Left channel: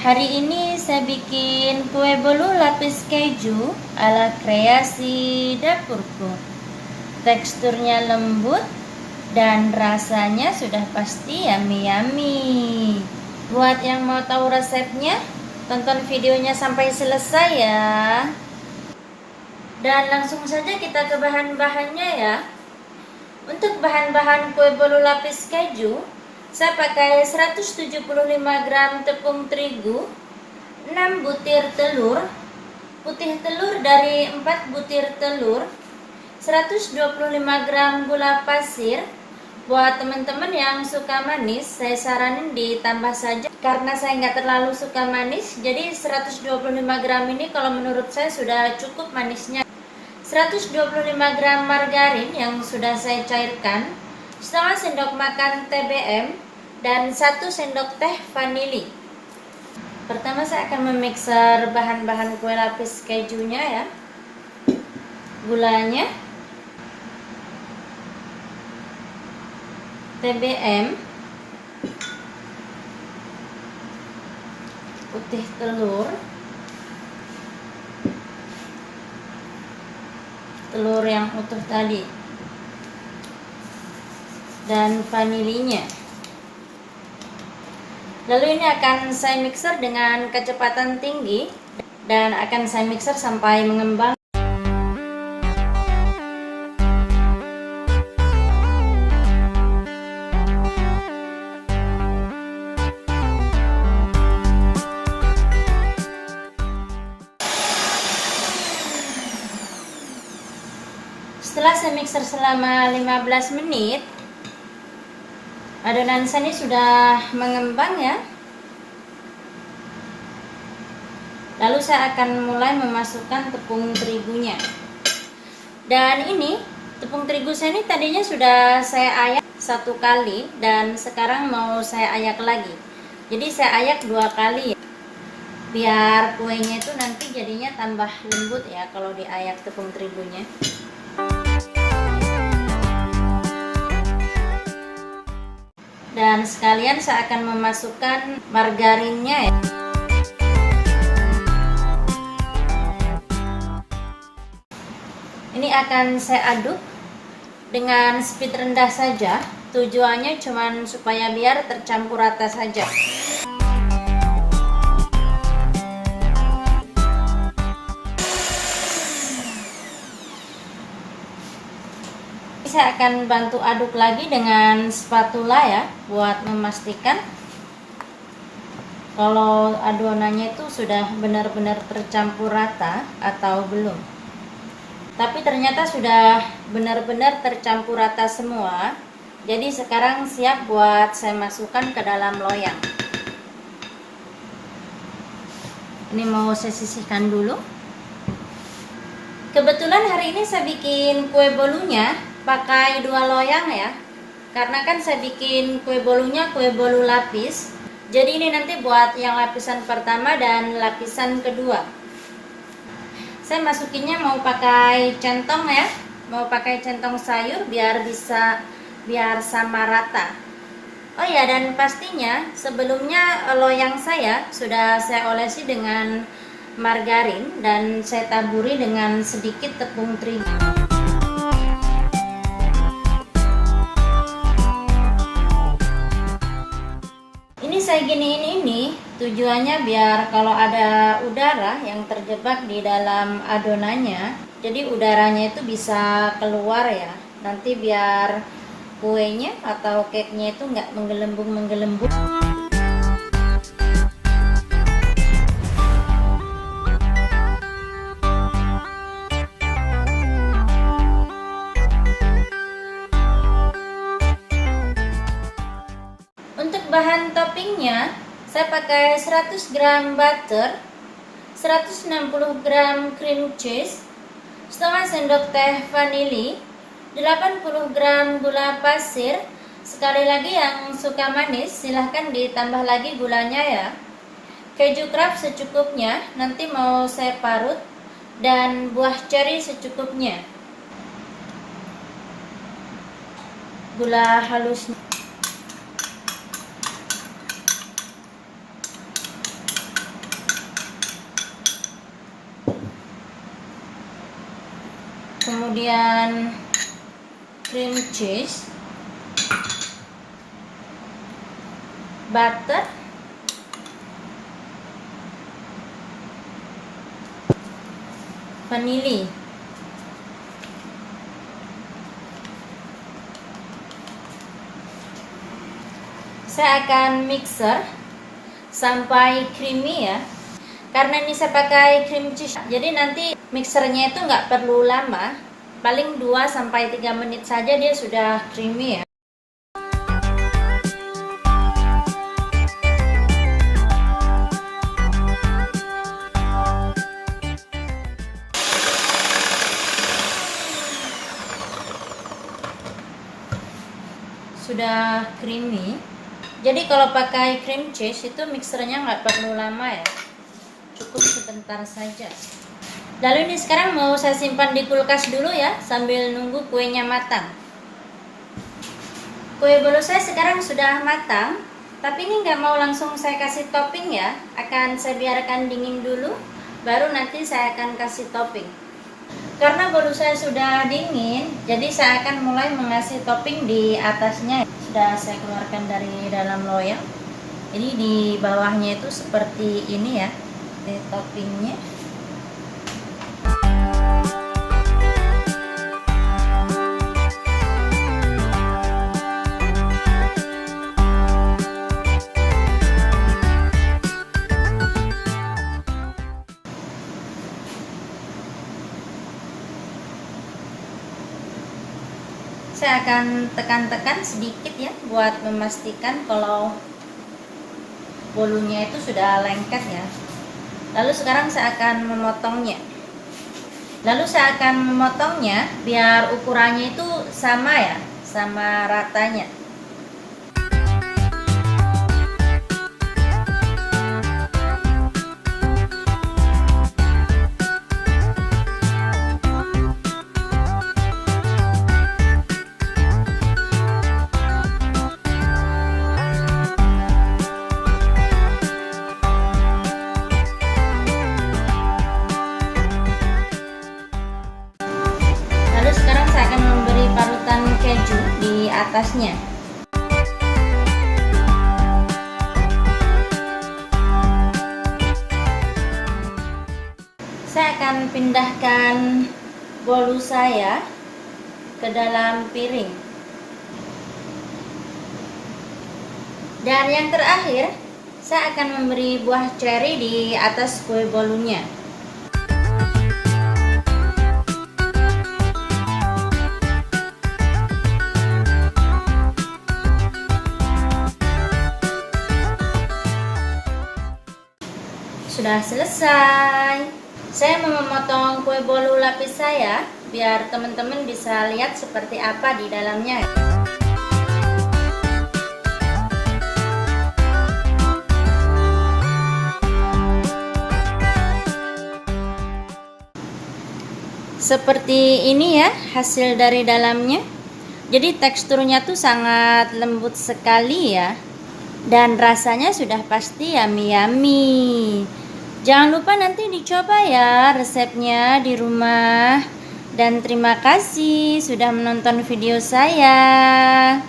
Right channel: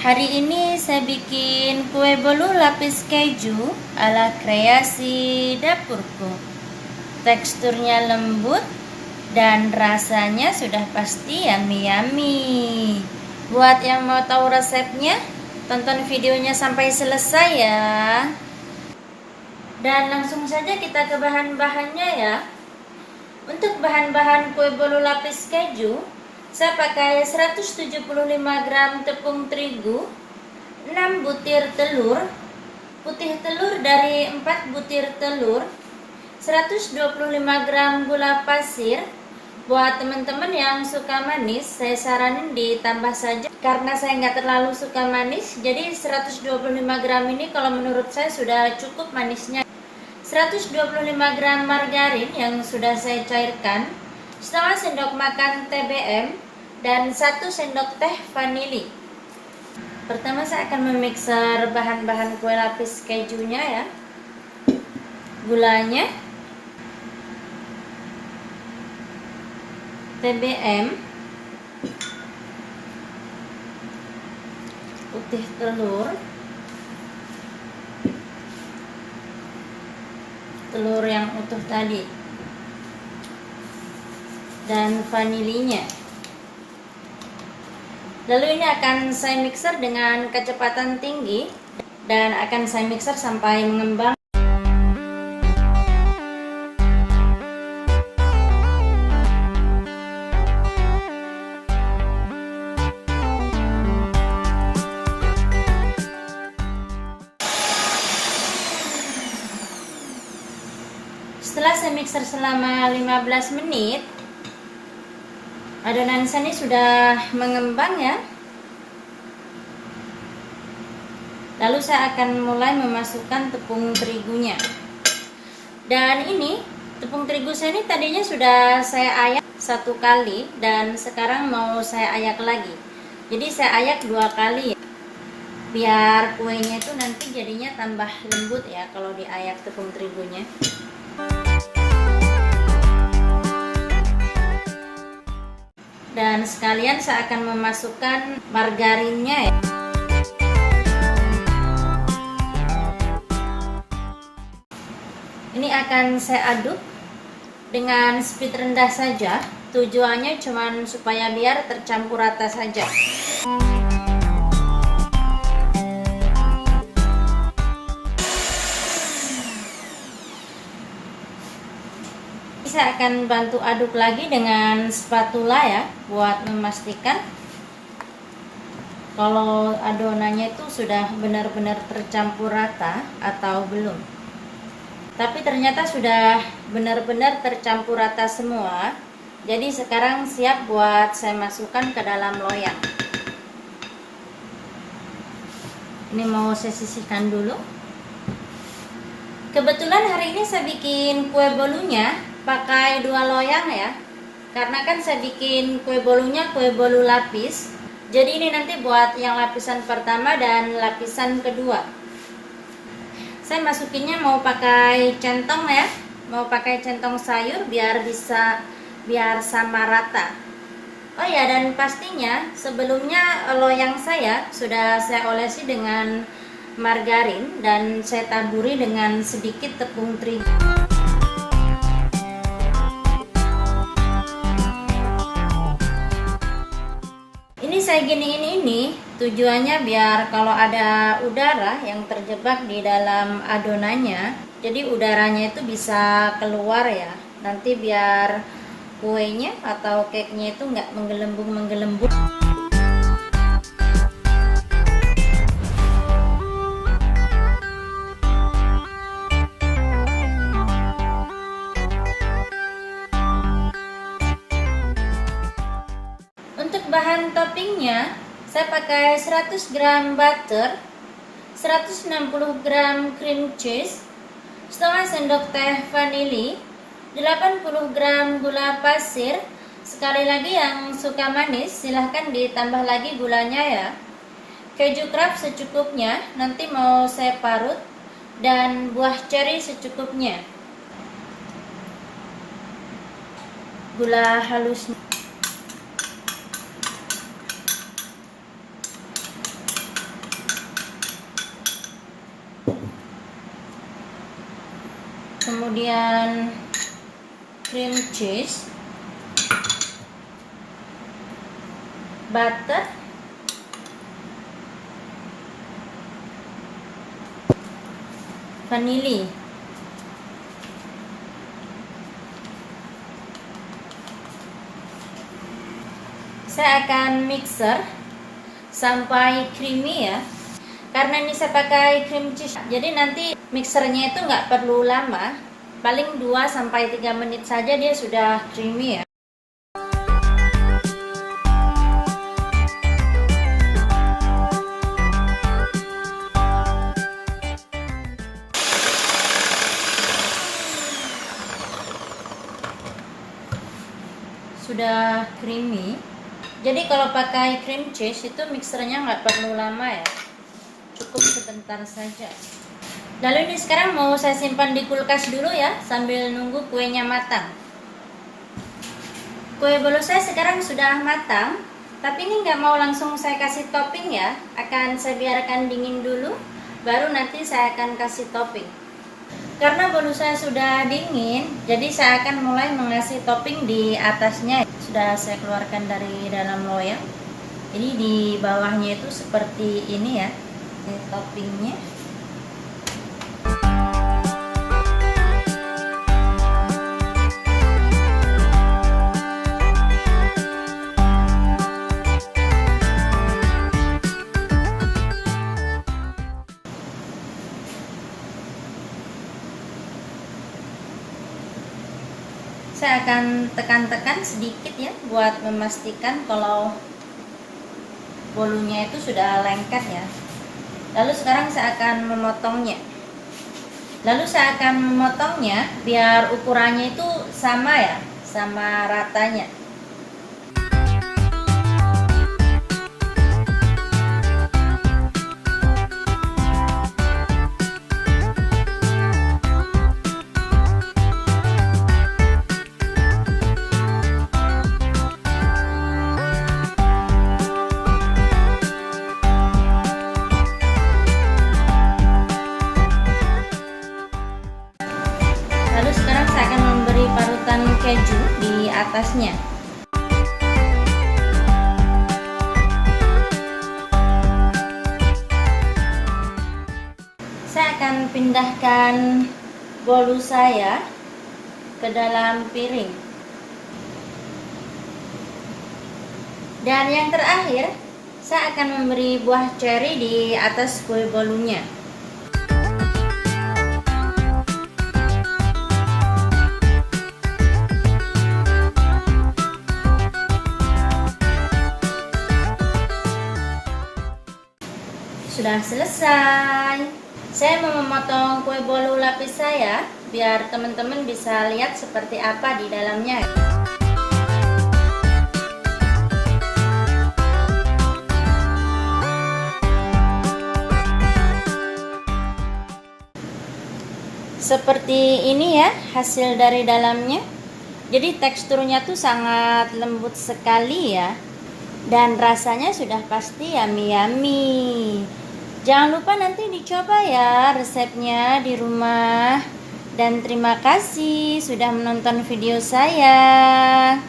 Hari ini saya bikin kue bolu lapis keju ala kreasi dapurku. Teksturnya lembut dan rasanya sudah pasti yummy. Buat yang mau tahu resepnya, tonton videonya sampai selesai ya. Dan langsung saja kita ke bahan-bahannya ya. Untuk bahan-bahan kue bolu lapis keju, saya pakai 175 gram tepung terigu, 6 butir telur, putih telur dari 4 butir telur, 125 gram gula pasir. Buat teman-teman yang suka manis, saya saranin ditambah saja karena saya nggak terlalu suka manis. Jadi 125 gram ini kalau menurut saya sudah cukup manisnya. 125 gram margarin yang sudah saya cairkan, setengah sendok makan TBM, dan 1 sendok teh vanili. Pertama saya akan memixer bahan-bahan kue lapis kejunya ya. Gulanya, TBM, putih telur, telur yang utuh tadi, dan vanilinya. Lalu ini akan saya mixer dengan kecepatan tinggi dan akan saya mixer sampai mengembang. Setelah saya mixer selama 15 menit, adonan saya ini sudah mengembang ya. Lalu saya akan mulai memasukkan tepung terigunya. Dan ini tepung terigu saya ini tadinya sudah saya ayak 1 kali dan sekarang mau saya ayak lagi. Jadi saya ayak 2 kali ya. Biar kuenya itu nanti jadinya tambah lembut ya kalau diayak tepung terigunya. Dan sekalian saya akan memasukkan margarinnya ya. Ini akan saya aduk dengan speed rendah saja. Tujuannya cuma supaya biar tercampur rata saja. Saya akan bantu aduk lagi dengan spatula ya, buat memastikan kalau adonannya itu sudah benar-benar tercampur rata atau belum. Tapi ternyata sudah benar-benar tercampur rata semua. Jadi sekarang siap buat saya masukkan ke dalam loyang. Ini mau saya sisihkan dulu. Kebetulan hari ini saya bikin kue bolunya pakai 2 loyang ya, karena kan saya bikin kue bolunya kue bolu lapis. Jadi ini nanti buat yang lapisan pertama dan lapisan kedua. Saya masukinnya mau pakai centong ya, mau pakai centong sayur biar sama rata. Oh ya, dan pastinya sebelumnya loyang saya sudah saya olesi dengan margarin dan saya taburi dengan sedikit tepung terigu. Ini saya giniin ini tujuannya biar kalau ada udara yang terjebak di dalam adonannya, jadi udaranya itu bisa keluar ya. Nanti biar kuenya atau cake-nya itu nggak menggelembung-menggelembung. Untuk bahan toppingnya, saya pakai 100 gram butter, 160 gram cream cheese, setengah sendok teh vanili, 80 gram gula pasir. Sekali lagi yang suka manis silahkan ditambah lagi gulanya ya. Keju craft secukupnya, nanti mau saya parut, dan buah ceri secukupnya. Gula halusnya. kemudian cream cheese, butter, vanili, saya akan mixer sampai creamy ya. Karena ini saya pakai cream cheese, jadi nanti mixernya itu nggak perlu lama, paling 2-3 menit saja dia sudah creamy ya. Sudah creamy. Jadi kalau pakai cream cheese itu mixernya nggak perlu lama ya, cukup sebentar saja. Lalu ini sekarang mau saya simpan di kulkas dulu ya, sambil nunggu kuenya matang. Kue bolu saya sekarang sudah matang, tapi ini nggak mau langsung saya kasih topping ya, akan saya biarkan dingin dulu, baru nanti saya akan kasih topping. Karena bolu saya sudah dingin, jadi saya akan mulai mengasih topping di atasnya. Sudah saya keluarkan dari dalam loyang. Jadi di bawahnya itu seperti ini ya, ini toppingnya. Saya akan tekan-tekan sedikit ya, buat memastikan kalau bolunya itu sudah lengket ya. Lalu sekarang saya akan memotongnya. Biar ukurannya itu sama ya, sama ratanya. Lalu sekarang saya akan memberi parutan keju di atasnya. Saya akan pindahkan bolu saya ke dalam piring. Dan yang terakhir, saya akan memberi buah ceri di atas kue bolunya. Sudah selesai. Saya mau memotong kue bolu lapis saya biar teman-teman bisa lihat seperti apa di dalamnya. Seperti ini ya hasil dari dalamnya. Jadi teksturnya tuh sangat lembut sekali ya. Dan rasanya sudah pasti yummy. Jangan lupa nanti dicoba ya resepnya di rumah. Dan terima kasih sudah menonton video saya.